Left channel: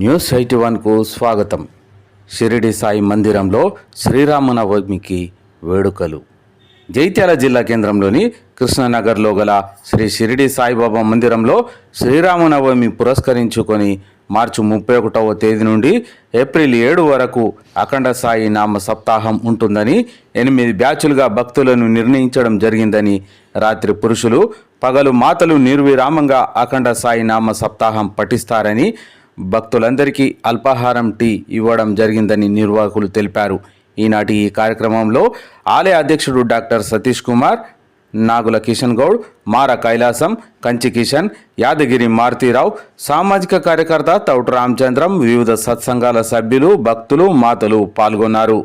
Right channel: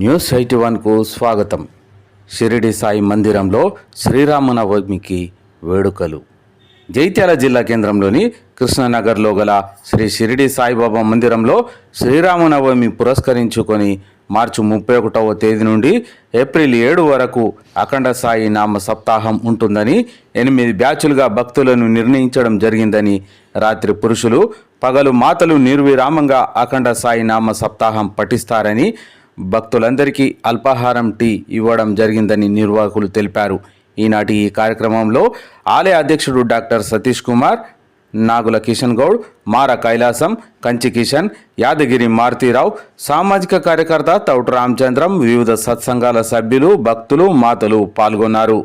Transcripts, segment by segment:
News eighty వన్కు స్వాగతం. షిరిడి సాయి మందిరంలో శ్రీరామనవమికి వేడుకలు. జైత్యాల జిల్లా కేంద్రంలోని కృష్ణనగర్లో గల శ్రీ షిరిడి సాయిబాబా మందిరంలో శ్రీరామనవమి పురస్కరించుకొని మార్చి ముప్పై ఒకటవ తేదీ నుండి ఏప్రిల్ ఏడు వరకు అఖండ సాయి నామ సప్తాహం ఉంటుందని ఎనిమిది బ్యాచులుగా భక్తులను నిర్ణయించడం జరిగిందని రాత్రి పురుషులు పగలు మాతలు నిర్విరామంగా అఖండ సాయి నామ సప్తాహం పఠిస్తారని భక్తులందరికీ అల్పాహారం టీ ఇవ్వడం జరిగిందని నిర్వాహకులు తెలిపారు. ఈనాటి ఈ కార్యక్రమంలో ఆలయ అధ్యక్షుడు డాక్టర్ సతీష్ కుమార్ నాగుల కిషన్ గౌడ్ మార కైలాసం కంచి కిషన్ యాదగిరి మారుతీరావు సామాజిక కార్యకర్త తౌటు రామచంద్రం వివిధ సత్సంగాల సభ్యులు భక్తులు మాతలు పాల్గొన్నారు.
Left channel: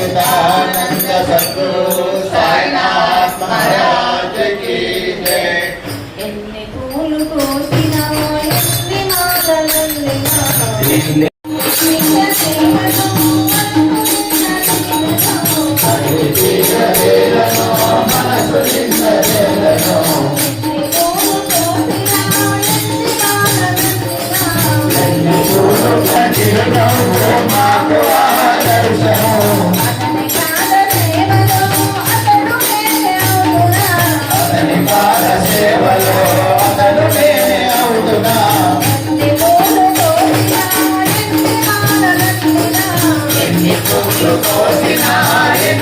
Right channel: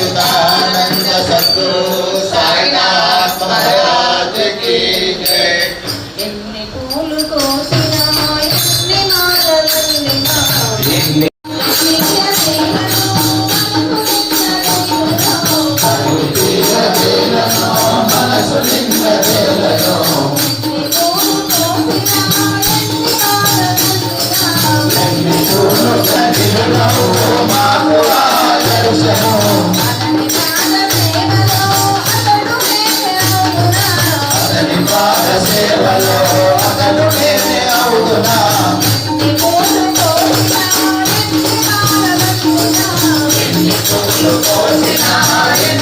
పూలు కోసినా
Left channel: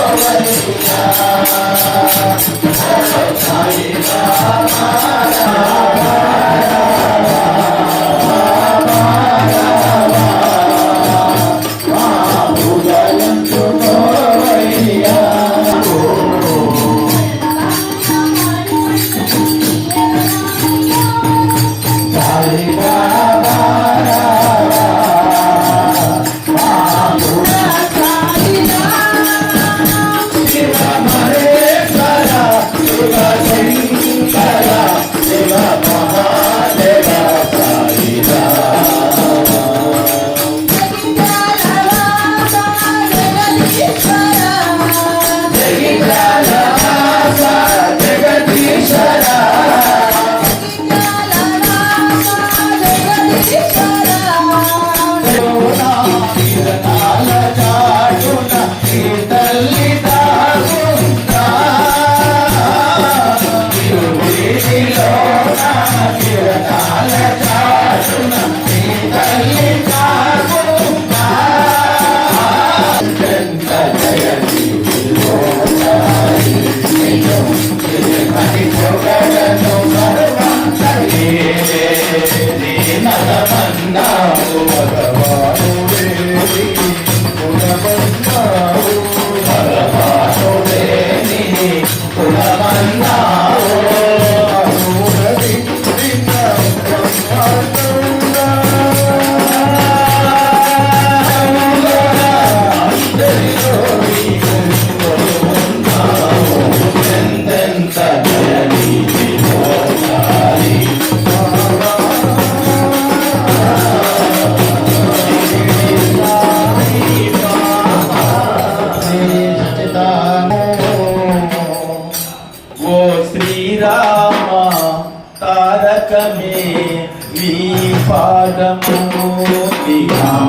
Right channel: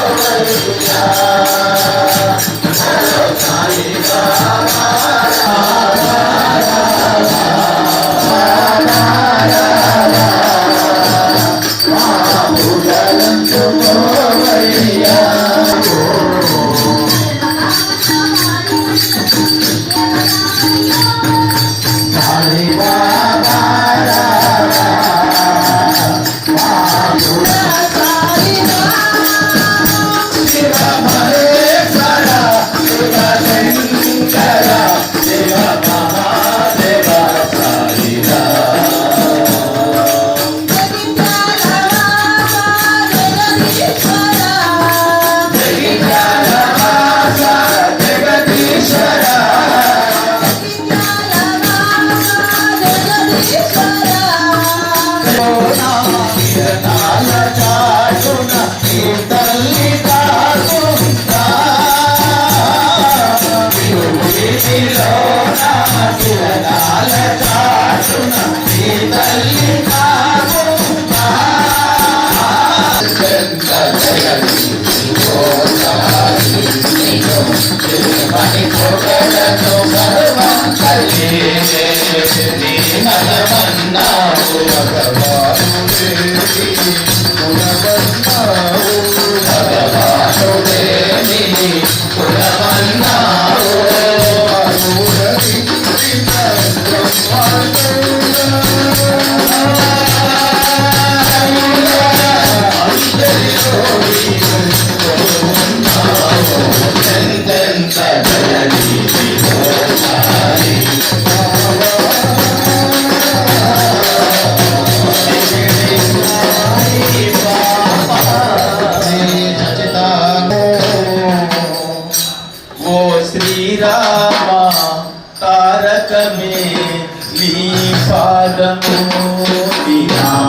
Gracias. happy.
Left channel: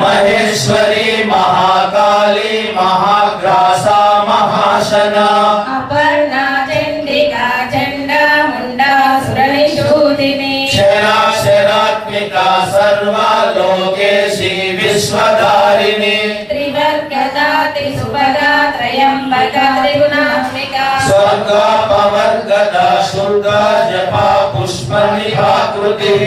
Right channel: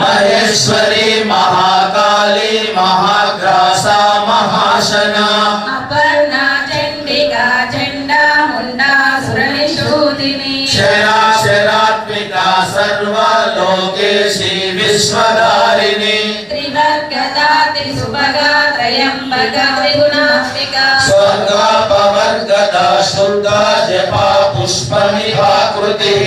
महेश्वरी महाकाली महाग्रासा महाशना। अपर्णा चंडिका चंडा मुंडा सुरनिशोदिनी। शराशरात्मिका सर्वा लोकेशी विश्वधारिणी त्रिवर्गता त्रिसुभगा त्रयंबका त्रिगुणात्मिका। स्वर्गा पवर्गदा शुद्धा जपा पुष्पमिभाकृतिः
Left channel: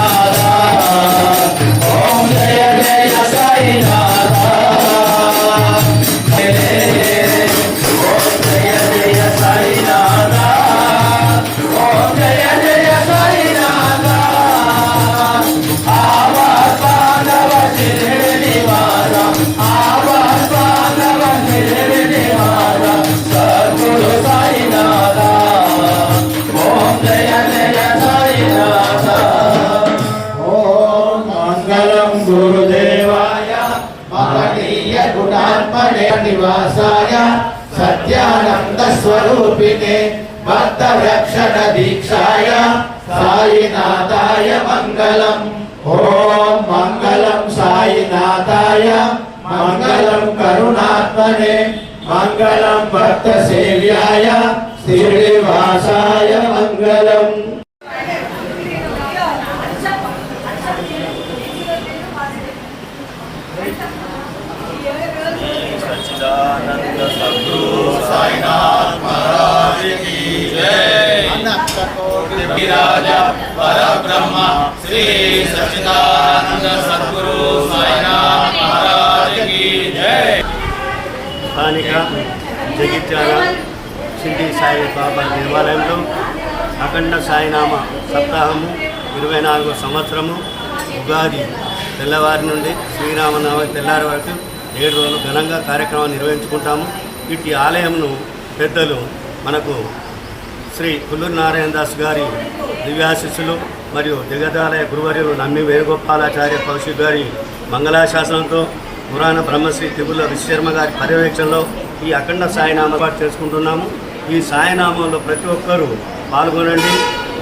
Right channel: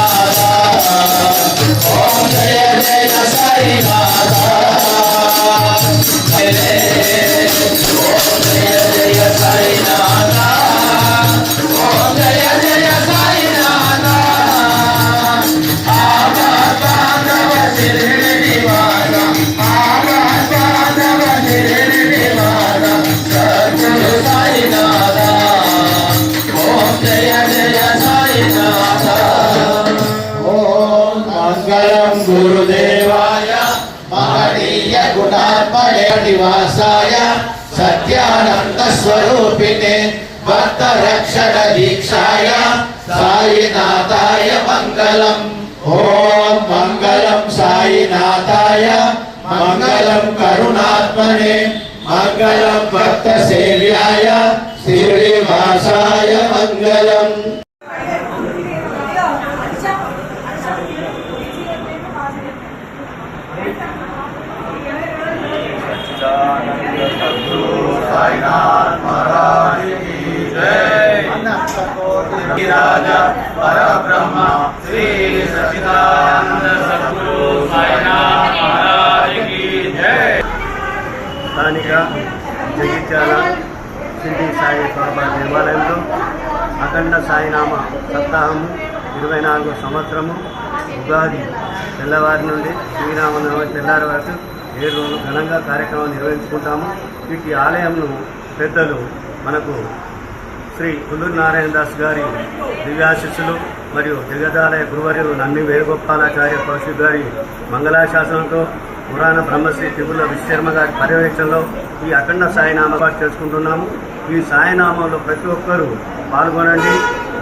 గుణాత్మనే నివాసాయ సత్యానంద స్వరూపిణే భక్త రక్షణ దీక్షాయ సాయినాథాయ మంగళం ఓం మంగళం సాయినాథాయ మంగళం స్థానిక జగిత్యాల షిండి సాయి బాబా దేవాలయంలో అఖండ సాయినామ సప్తాహము ఇరవై నాలుగో సంవత్సరము ఉగాది తెల్లవారి నుండి శ్రీరామనవమి తెల్లారి వరకు ఏడు రోజులు ఘనంగా కార్యక్రమాన్ని నిర్వహించుకుంటాము. ఇటు ఆలయంను పెద్దలు మనకు శ్రీ కుల్లూరు నారాయణ దాస్ గారి దివ్యాశిస్సులు మరియు దిగదాలయ గురువర్యులు నమ్మి వేణుగోపాలాచార్య కౌశిక్ గారి మంగళాశాసనంతో పురాణ బ్రహ్మశ్రీ తిరుమల విశ్వశర్మ గారి పర్యవేక్షణలో ఈ అఖండ సాయినామ పాటు చేసుకుంటున్నాము. ఈ సాయినామంలో ప్రతి ఒక్కరూ పాల్గొనండి.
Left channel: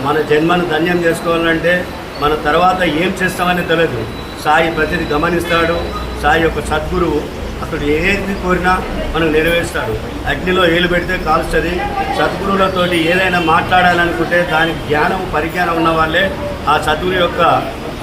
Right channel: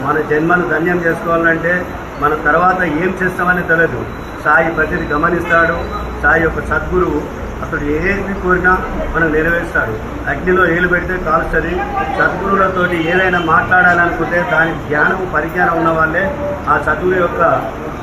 మన జన్మను ధన్యం చేసుకోవాలంటే మన తర్వాత ఏం చేస్తామని తెలియదు సాయి ప్రతిది గమనిస్తాడు. సాయి యొక్క సద్గురువు అక్కడ ఏది కోరినా మనం నెరవేరుస్తారు అగ్నిలో ఏలు పెడితే కాలుస్తుంది. సద్గురువులతోటి ఏదైనా మాట్లాడాలనుకుంటే దానికి జ్ఞానం పరిజ్ఞానం ఉన్న వాళ్ళే ఆ సద్గురు యొక్క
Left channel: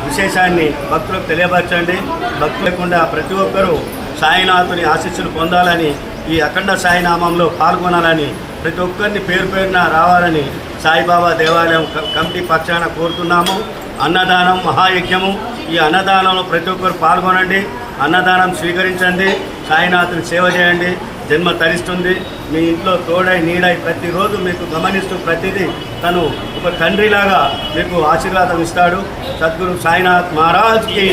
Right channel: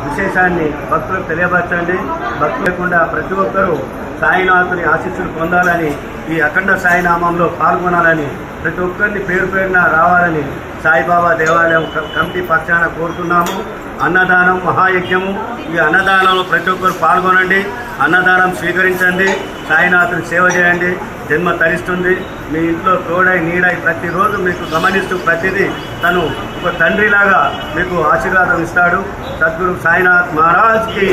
విశేషాన్ని భక్తులకు తెలియపరచండి. భక్తులు లేకుండా ప్రతి ఒక్కరూ సాయినాథుని ఆశీస్సులు పొందాలని ఈ అఖండ సాయినామంలో పాల్గొనాలని ప్రతి ఒక్కరిని పేరు పేరున రావాలని సాయిబాబా దేవాలయం క- కమిటీ పక్షాన కోరుతున్నాము. అన్నదానం మహాయజ్ఞము ఈ అన్నదానంలో ప్రతి ఒక్కరు పాల్గొనండి అన్నదానం స్వీకరించండి సాయినాథుని సేవ చేయండి జన్మ తరిస్తుంది. మీ ఇంట్లో తోడై నీడై ప్రతిరోజు మీకు గమనిస్తూ ప్రతిదీ తను ఒక తండ్రిలాగా మీకు ఆశీర్వాదం ఇస్తాడు. సద్గురు సాయినాథ్ మహారాజ్కి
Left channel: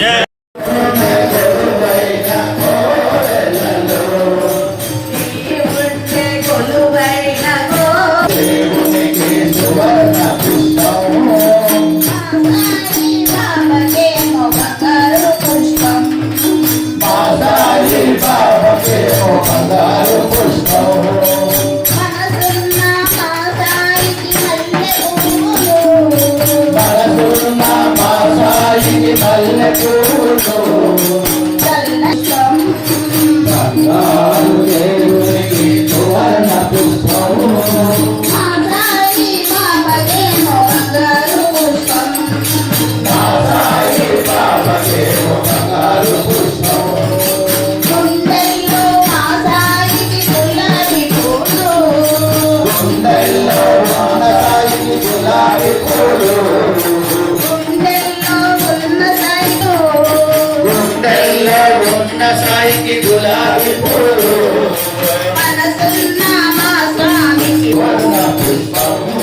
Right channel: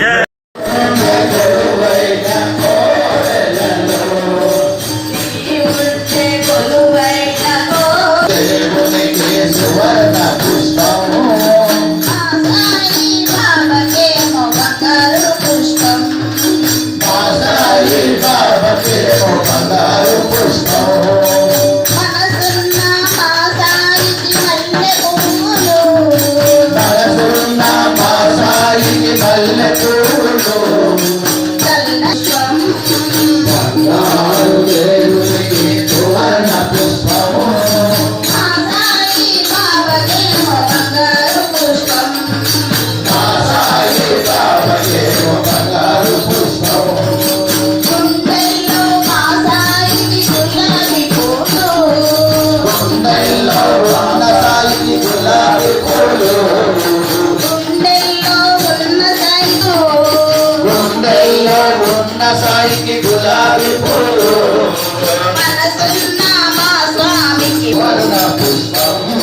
స్వామికి గులాబీ స్వామికి పుష్పము